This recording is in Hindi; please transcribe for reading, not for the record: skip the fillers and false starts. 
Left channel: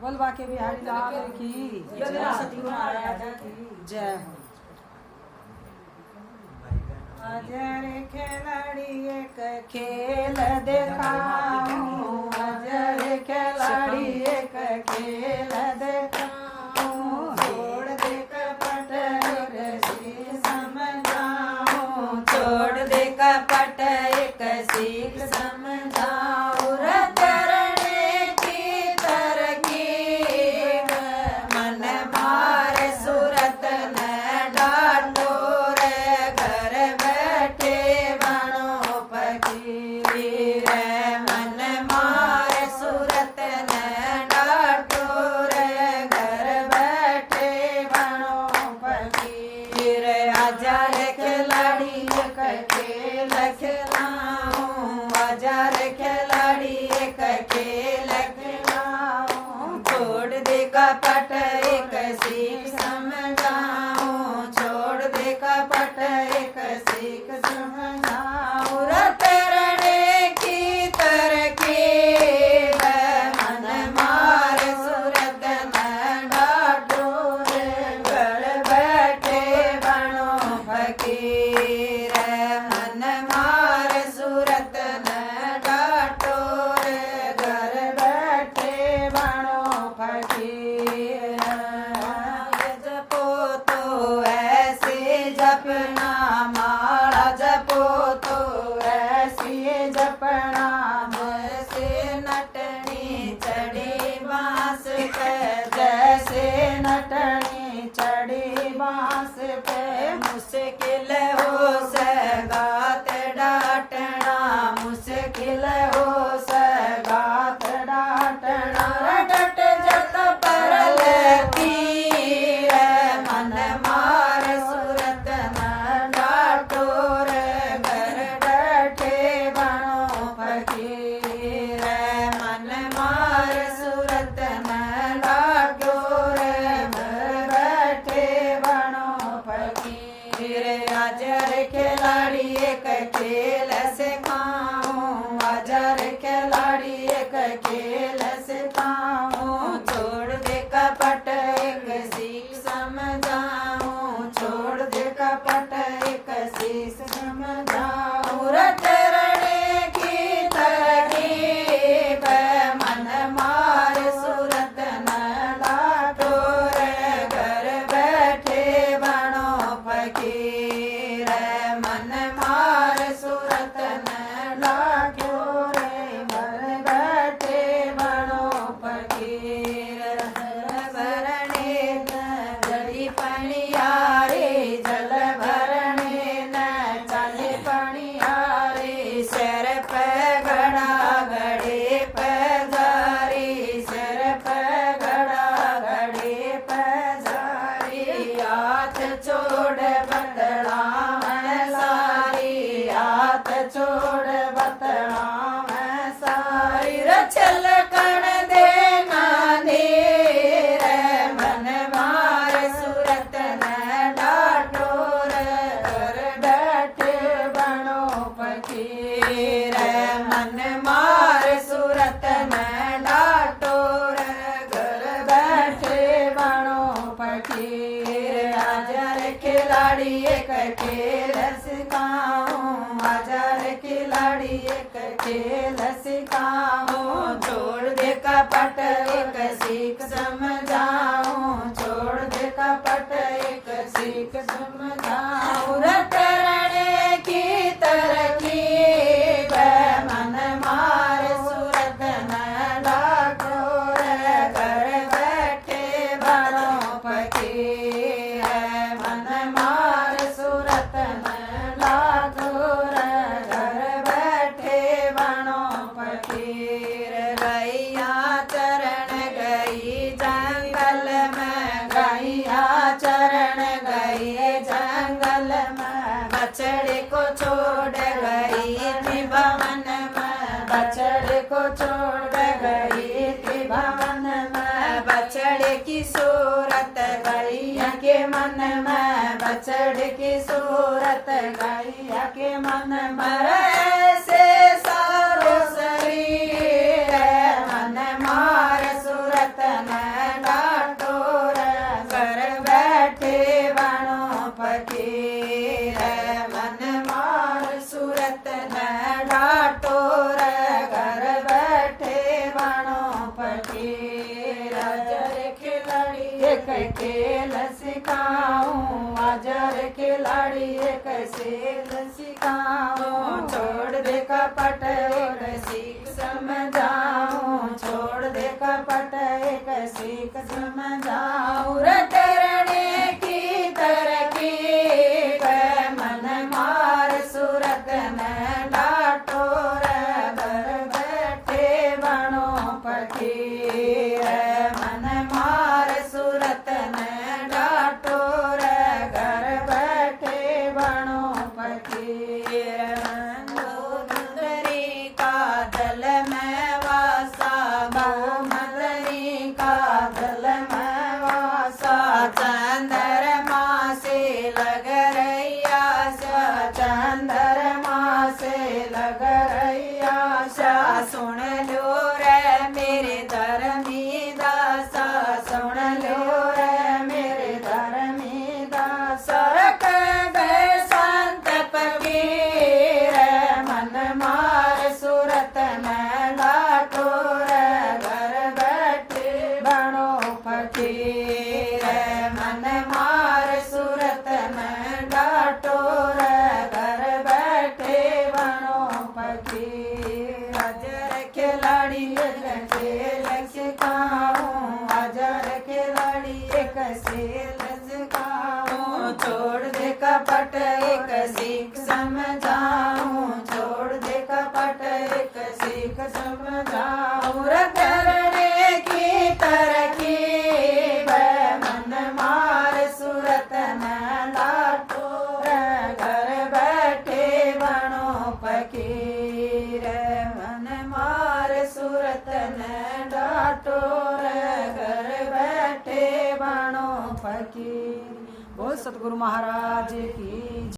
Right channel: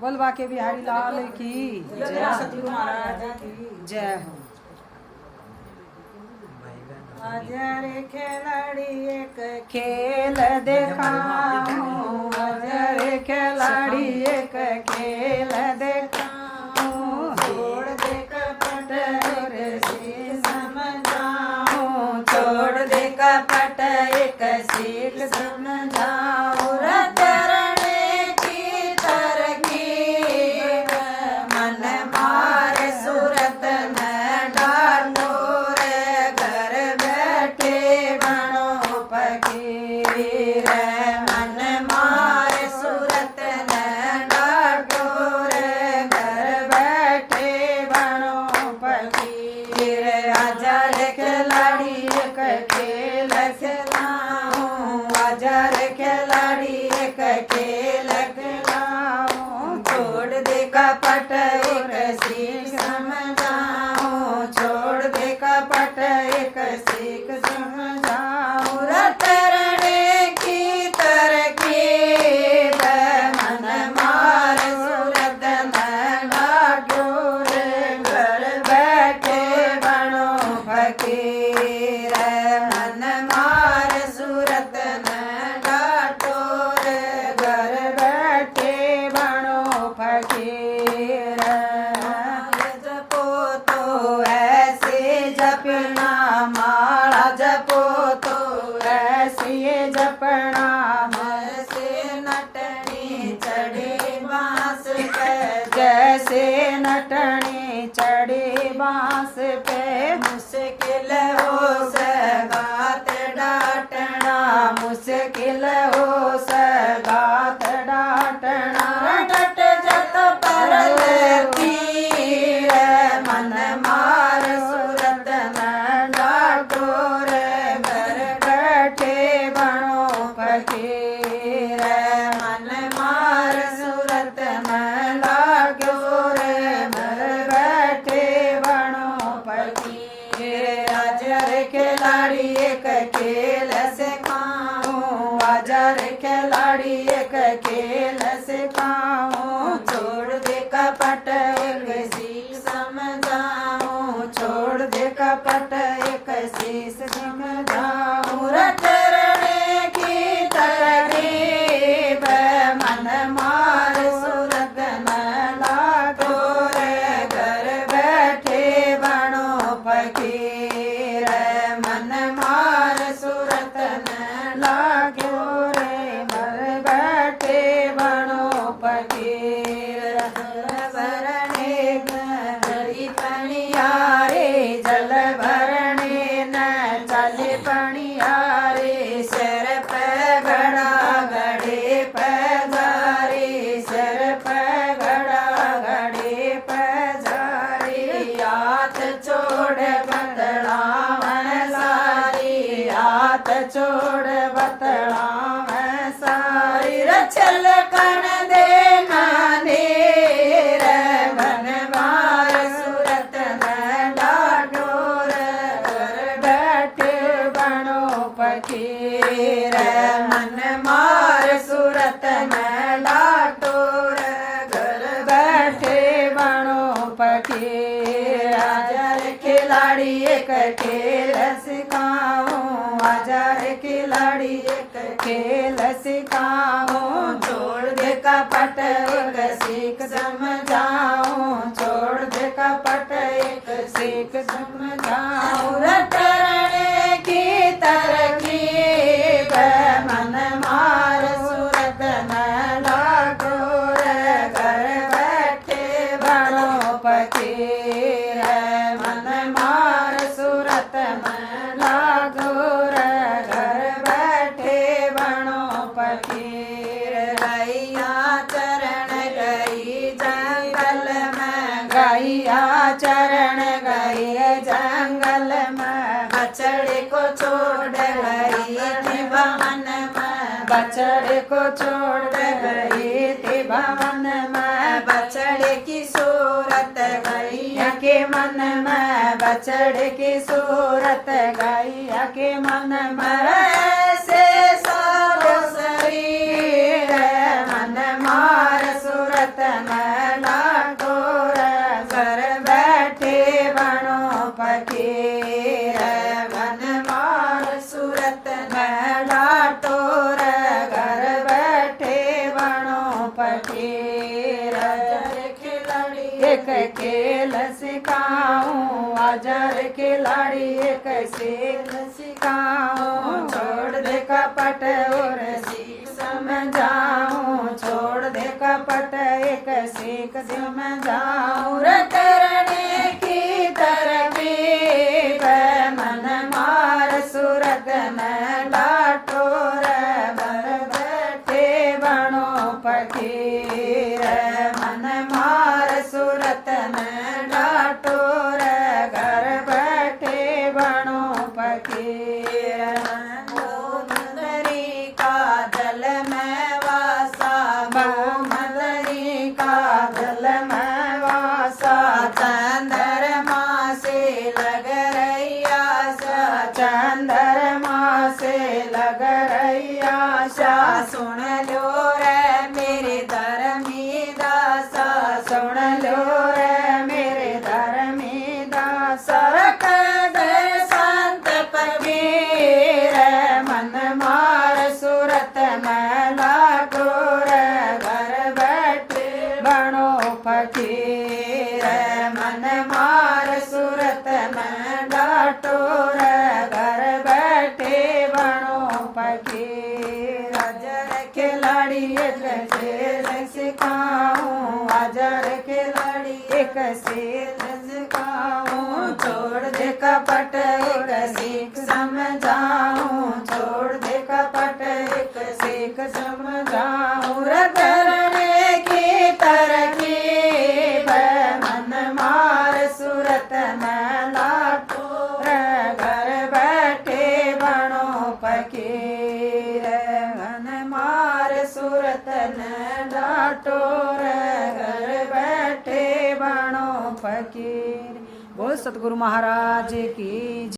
बोल बाके बिहारी लाल की जय, सतगुरु महाराज की जय हो। अजर खिलाड़ी एक खेल दिखाऊं, अजर खिलाड़ी एक खेल दिखाऊं, छोड़ दे कपट एक सीख समझाऊं, छोड़ दे कपट एक सीख समझाऊं, तरने की तरकीब मन मार सूरत न डालो रे, घर बैठे बनो फकीर, मन मार सूरत न डालो रे, घर बैठे बनो फकीर, अजर खिलाड़ी एक खेल खिलाऊं, अजर खिलाड़ी एक खेल खिलाऊं, छोड़ दे कपट एक सीख समझाऊं, छोड़ दे कपट एक सीख समझाऊं, तरने की तरकीब मन मार सूरत न डालो रे, घर बैठे बनो फकीर, मन मार सूरत न डालो रे, घर बैठे बनो फकीर, जपो तो ऐसे जपना माला, जपो तो ऐसे जपना जैसे नटनी चढ़ी बांस पे, जैसे नटनी चढ़ी बांस पे, मुश्किल हो सगात डाटना, मुश्किल हो सगात डाटना, डट जत पर तीर मन मार सूरत न डाटो रे, घर बैठे बनो फकीर, मन मार सूरत न डाटो रे, घर बैठे बनो फकीर, अजर खिलाड़ी एक खेल सिखाऊं, अजर खिलाड़ी एक खेल सिखाऊं, छोड़ दे कपट एक सीख समझाऊं, छोड़ दे कपट एक सीख समझाऊं, तरने की तरकीब मन मार सूरत न डालो रे, घर बैठे बनो फकीर, मन मार सूरत न डालो रे, घर बैठे बनो फकीर, जल भरने न गड़ी पनियारे, जल भरने न चल पनियारे, सिर पे घड़ा घड़े पे जारी, सिर पे घड़ा घड़े पे जारी, हाथ छोड़ बतड़ा मैं सारी, हाथ छोड़ बतड़ा मैं सारी, रचल कण देना नीर मन मार सूरत न डालो रे, घर बैठे बनो फकीर, मन मार सूरत न डालो रे, घर बैठे बनो फकीर, अजर खिलाड़ी एक खेल सिखाऊं, अजर खिलाड़ी एक खेल सिखाऊं, छोड़ दे कपट एक सीख समझाऊं, छोड़ दे कपट एक सीख समझाऊं, तरने की तरकीब मन मार सूरत न डालो रे, घर बैठे बनो फकीर, मन मार सूरत न डालो रे, घर बैठे बनो फकीर, गैया चरण गई जंगल में, गैया चरण गई जंगल में, बछड़े को छोड़ गई थी भवन में, बछड़े को छोड़ गई थी भवन में, बछड़े की सूरत गैया के मन में, बछड़े की सूरत गैया के मन में, ऐसे सारो शरीर मन मार बनो फकीर अजर खिलाड़ी एक खेल सिखाऊं अजर खिलाड़ी एक खेल सिखाऊं छोड़ दे कपट और सीख समझाऊं छोड़ दे कपट एक सीख समझाऊं रे करने की तरकीब मन मार सूरत में डाटो रे घर बैठे बनो फकीर मन मार सूरत में डाटो रे घर बैठे बनो फकीर मोहम्मदरी का दल में वासा मोहम्मदरी का दल में वासा चंद्रमा से लग रही आशा चंद्रमा से लग रही आशा सुन लो रे मेरे धर्मी दासा सुन लो रे मेरे धर्मी दासा दे संत फकीर मन मार सूरत में लाटो रे घर बैठे बनो फकीर मन मार सूरत में डाटो रे घर बैठे बनो फकीर अजर खिलाड़ी एक खेल सिखाऊं अजर खिलाड़ी एक खेल सिखाऊं छोड़ दे कपट एक सीख समझाऊं छोड़ दे कपट एक सीख समझाऊं रे करने की तरकीब मन मार सूरत में लाटो रे घर बैठे बनो फकीर मन मार सूरत में डाटो रे घर बैठे बनो फकीर। बोल सतगुरु महाराज की।